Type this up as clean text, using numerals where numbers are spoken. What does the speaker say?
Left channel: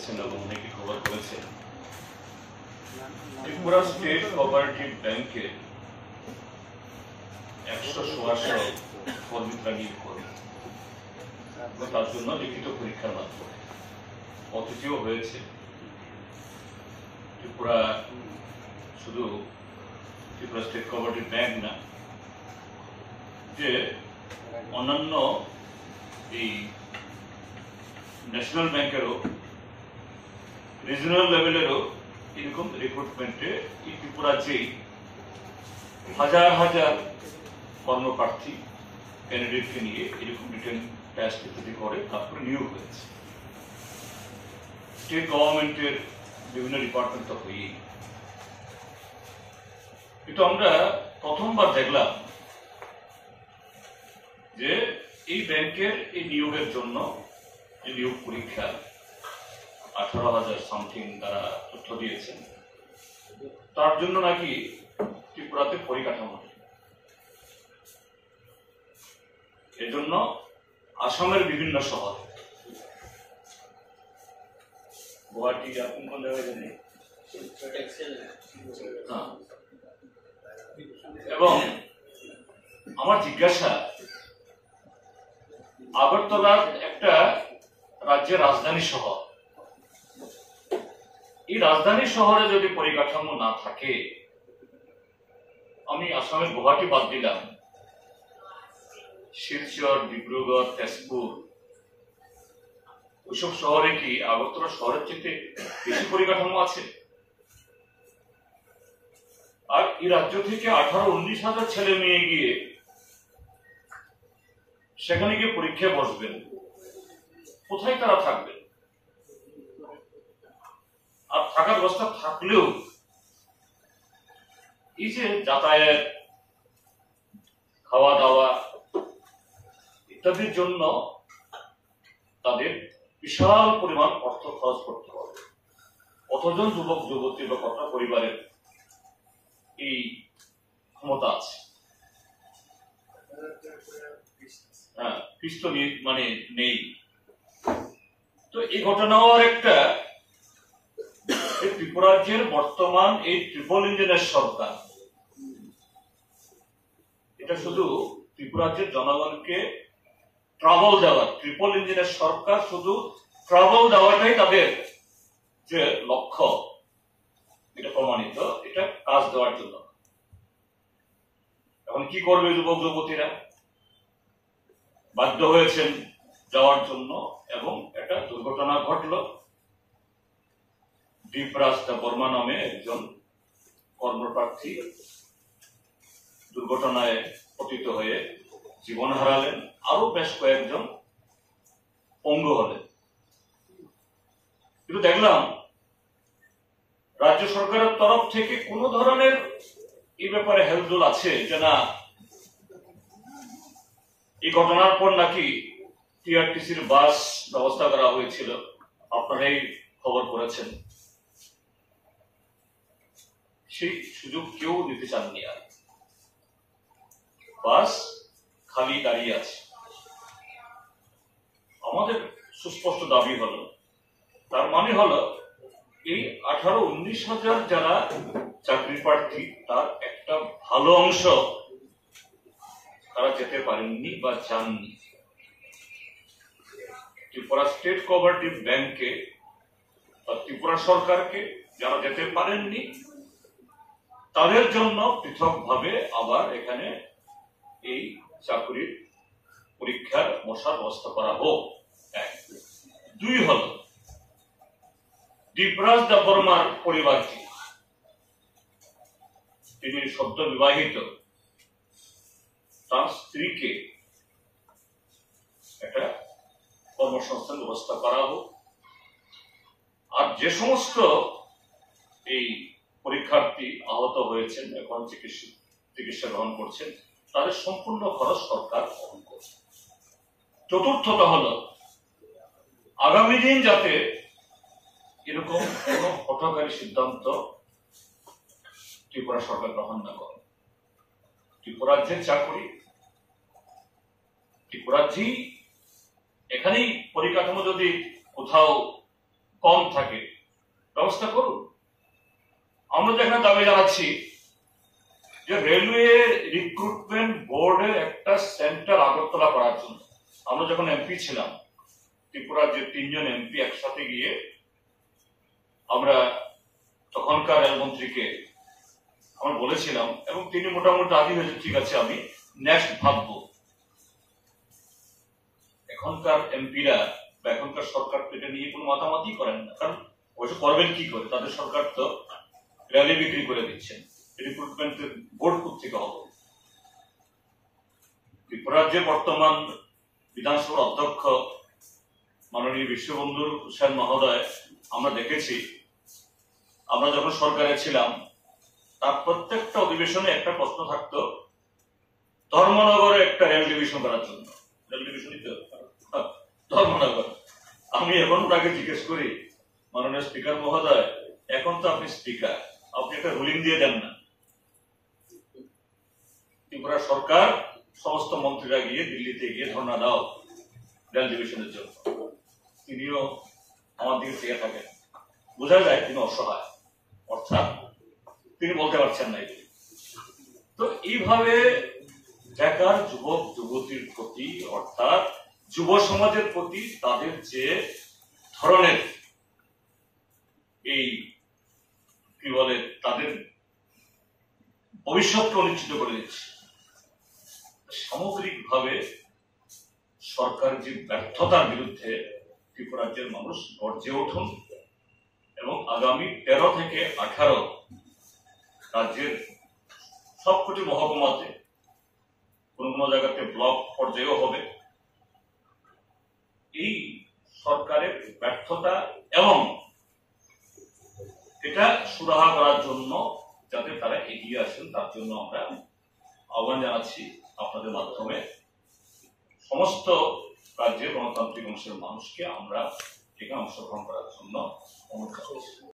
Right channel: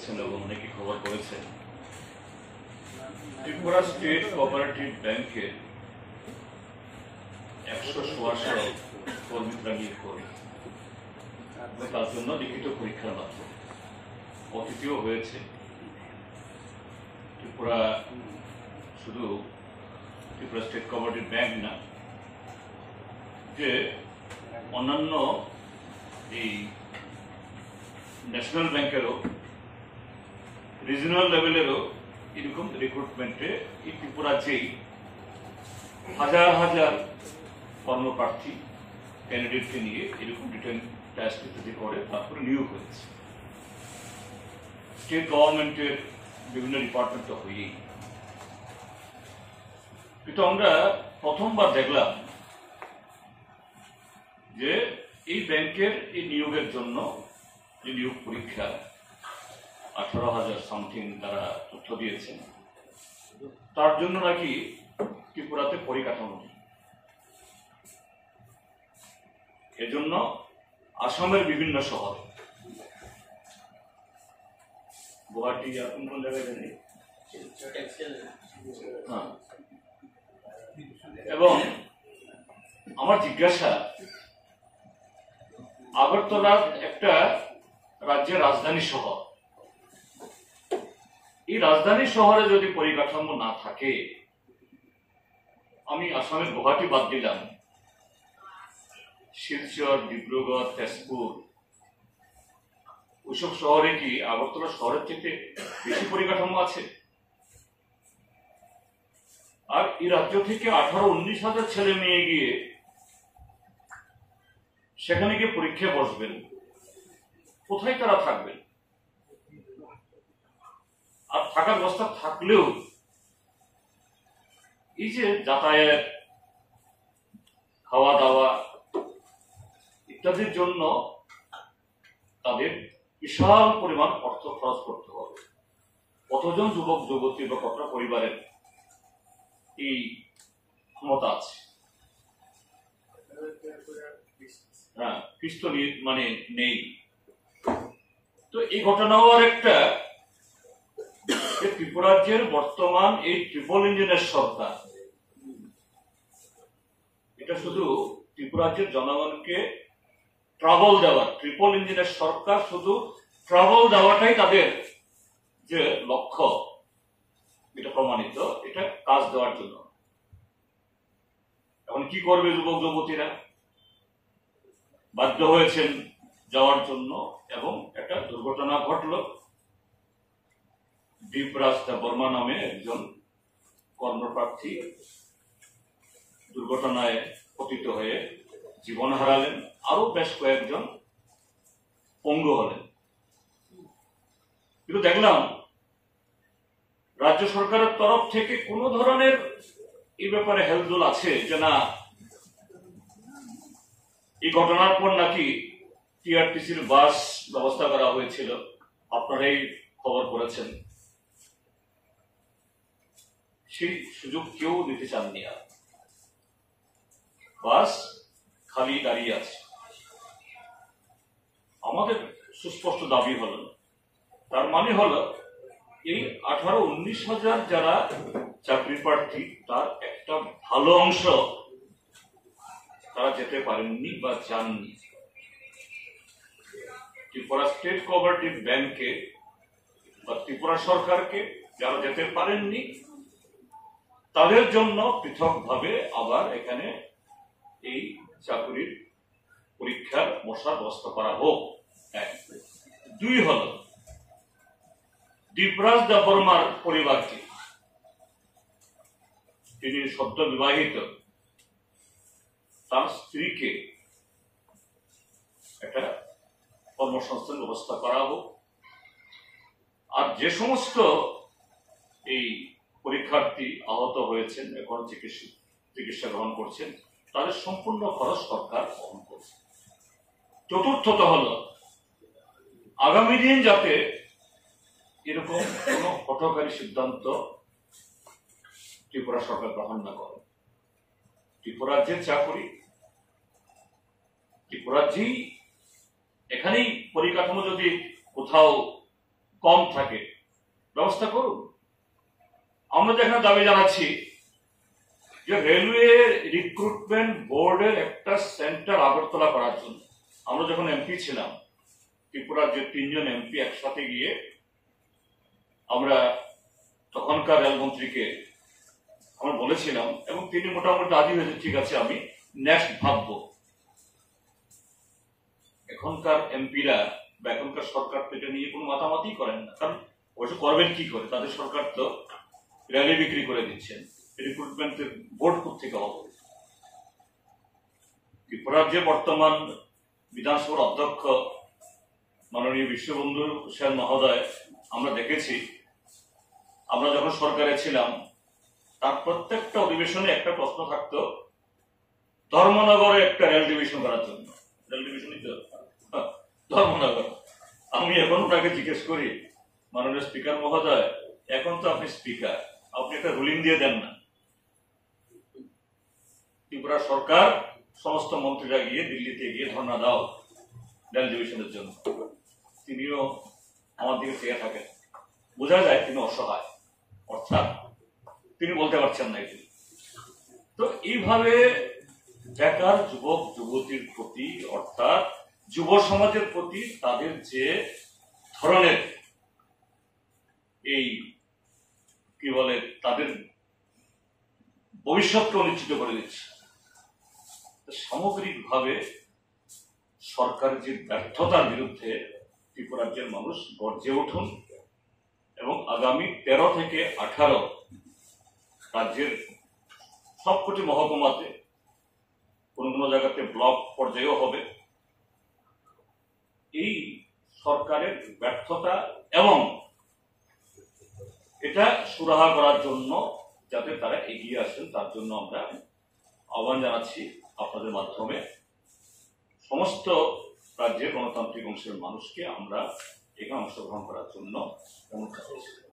দেখেছেন এবং অনেকে খবর করেছেন, ত্রিপুরা স্টেট কোঅপারেটিভ ব্যাংকে 100 কর্মীরা নিয়োগ করে এবং তার জন্য লিখিত পরীক্ষার মাধ্যমে অতিথিও হয়েছে। ত্রিপুরা শুধু ত্রিপুরা স্টেট কোঅপারেটিভ ব্যাংক না, যে অন্যান্য এই ন্যাশনাল ব্যাংকেরও রিজনাল লেভেলেরও এরকম রিক্রুটমেন্টে এই ত্রিপুরাতেই হাজার হাজার কর্মপ্রার্থী ক্যান্ডিডেটকে নিয়ে এরকম রিটেন টেস্ট ইত্যাদি করে তারপরে নিয়োগ হয়েছে। স্টেট গভর্নমেন্টের বিভিন্ন ডিপার্টমেন্ট তো হয়েই, কিন্তু আমরা প্রথমবার দেখলাম যে এই ব্যাংকের এই নিয়োগের জন্য যে নিয়োগ পরীক্ষা 18,000 সামথিং তারা তথ্য দিয়েছেন, তার জন্য নাকি ত্রিপুরাতে পরিকাঠামো নেই। এজন্য আসামের বিভিন্ন শহর, গুয়াহাটি কোন জায়গায় জানি, এবং আমার জিজ্ঞাসা, আগরতলা একটা রাজ্যের রাজধানী শহর, এই রাজধানী শহরে যদি পরিকাঠামো না থাকে, আমি আসামের গুয়াহাটি বাদ দিলাম, শিলচর, ডিব্রুগড়, তেজপুর, ওইসব শহরে কি আগরতলা শহরের থেকে বেশি পরিকাঠামো আছে? আর এই রাজ্য থেকে 18-19 হাজার ছেলে মেয়ে গিয়ে সেখানে গিয়ে পরীক্ষায় বসবেন, কোথায় তারা থাকবেন? আর থাকার ব্যবস্থা থাকলেও এই যে যাতায়াত, খাওয়া দাওয়া ইত্যাদির জন্য তাদের বিশাল পরিমাণ অর্থ খরচ করতে হবে। কতজন যুবক যুবতী বা কত পরিবারের এই ক্ষমতা আছে? হ্যাঁ, খ্রিস্ট মানে নেই। তো এই ঘটনাও আর একটা, ত্রিপুরাজ্যের বর্তমান এই ট্রিপল ইঞ্জিনের সরকার, এটা শুধু ত্রিপুরাজ্যের জনগণকে ট্রাভেল দেওয়া, ট্রিপল ইঞ্জিনের সরকার শুধু ট্রাভেল দেওয়াটাই তাদের যে লক্ষ্য, এটা প্রমাণিত, এটা কাজ দেওয়ার জন্য। এখন কি করবে যুবক যুবতীরা? বাধ্য হয়েছেন যাওয়ার জন্য, এবং একটা দুর্ঘটনা ঘটল। দীপরাজ বর্মা নামে একজন কর্মপ্রার্থী দুর্ঘটনায় পতিত হয়ে জীবন হারালেন, আরো বেশ কয়েকজন পঙ্গু হলেন। কিন্তু দেখলাম রাজ্য সরকারের তরফ থেকে কোন ধরনের এই ব্যাপারে হেলদোল আছে যে না, এই ঘটনার পর নাকি টিআরটিসির বাস ব্যবস্থা করা হয়েছিল, আপনারাই খবর করেছেন, সেই সুযোগ কেউ দিতে চাননি। আর বাস খালি দাঁড়িয়ে আছে। আমাদের সুস্পষ্ট দাবি হলো, তার মানে হলো এই 18-19 হাজার যারা চাকরি প্রার্থী, তার একটা ভালো অংশ তারা যেতে পারেননি বা যাননি। ত্রিপুরা স্টেট কোঅপারেটিভ ব্যাংকে বা ত্রিপুরা সরকারকে যারা যেতে পারেননি, তাদের জন্য পৃথকভাবে আবার এখানে এই চাকরির পরীক্ষার বসার ব্যবস্থা করা হোক। এক। দুই হল, দীপরাজ বর্মার পরিবারকে, তিনি সদ্য বিবাহিত, তার স্ত্রীকে একটা কর্মসংস্থান ব্যবস্থা করা হোক। আর যে সমস্ত এই পরীক্ষার্থী আহত হয়েছেন, এখন চিকিৎসা গ্রহণ করছেন, তাদের সম্পূর্ণ খরচ সরকার বহন করছে। চতুর্থত হল, আগামী দিন যাতে এরকম কোন হঠকারী সিদ্ধান্ত ত্রিপুরা সরকার গ্রহণ না করে। ত্রিপুরাজ্যের চাকরি, ত্রিপুরাজ্যেই, এখানেই পরিকাঠামো যদি কোথাও কম থাকে, ব্যবস্থা করুন। আমরা তো এখানে দাবি জানাচ্ছি যে রেলওয়ে রিক্রুটমেন্ট বোর্ডের একটা সেন্টার আগরতলা করার জন্য। আমরা যখন এমপি ছিলাম, ত্রিপুরার যে 3 জন এমপি একসাথে গিয়ে আমরা তখনকার রেলমন্ত্রীকে আমরা বলেছিলাম, এবং তিনি মোটামুটি রাজি হয়েছে, ঠিক আছে আমি নেক্সট ভাববো। এখনকার এমপিরা বা এখনকার সরকার তো এটা নিয়ে কোনো মাতামাতি করেন না, কারণ অবশ্য করবেন কি করে, তাদের সরকার তো র্যালি বিক্রি করে দিচ্ছেন, রিক্রুটমেন্টের বোর্ড থেকে হবে। ত্রিপুরার যে বর্তমান বিধানসভার অধ্যক্ষ মাননীয় বিশ্ববন্ধু সেন মহোদয়, আমরা দেখেছি আমরা যখন সরকারে ছিলাম তার প্রত্যেকটা অধিবেশনে একটা প্রশ্ন থাকতো ধর্মনগরে একটা রেল ডিভিশন করার জন্য। রেল ডিভিশনই তো ধর্মনগর। আমি এখন তাকে জিজ্ঞেস করি, মাননীয় স্পিকার মহোদয়, এখন তো আপনি স্পিকার, আপনি একটা রুলিং দিয়ে দেন না। ত্রিপুরা সরকার সমস্ত মন্ত্রীরা গিয়ে দিল্লিতে গিয়ে ধর্ণা দাও রেল ডিভিশনের জন্য। তিনিও আমার দিকে চেয়ে থাকেন, বোঝা যায় তিনি অসহায়, অর্থাৎ তিনি বলতে পারছেন না এগুলি। তো এইভাবে বেকার যুবক যুবতীর প্রতি, অর্থাৎ যুব সমাজের প্রতি তাদের যে ধরনের এই কি বলে তাদের ভবিষ্যৎকে অনিশ্চিত করে দিচ্ছে, সামগ্রিকভাবে সরকারের যে ব্যর্থতার বিরুদ্ধে ত্রিপুরা রাজ্যের মানুষ গর্জে উঠুন এবং আগামী 13 থেকে 18 রাজ্যের সবকটি মহকুমাতে, কোন কোন জায়গাতে ব্লক পর্যায়েও হবে, এই সরকারের ব্যর্থতা এবং এটা সুরাহা করার জন্য যাতে তারা এগিয়ে আসেন, তার জন্য আমরা আহ্বান জানাচ্ছি আপনাদের মাধ্যমে সমস্ত রাজ্যের গণতান্ত্রিক অংশের মানুষকে আমরা এখানে অংশগ্রহণ করার জন্য অনুরোধ করছি।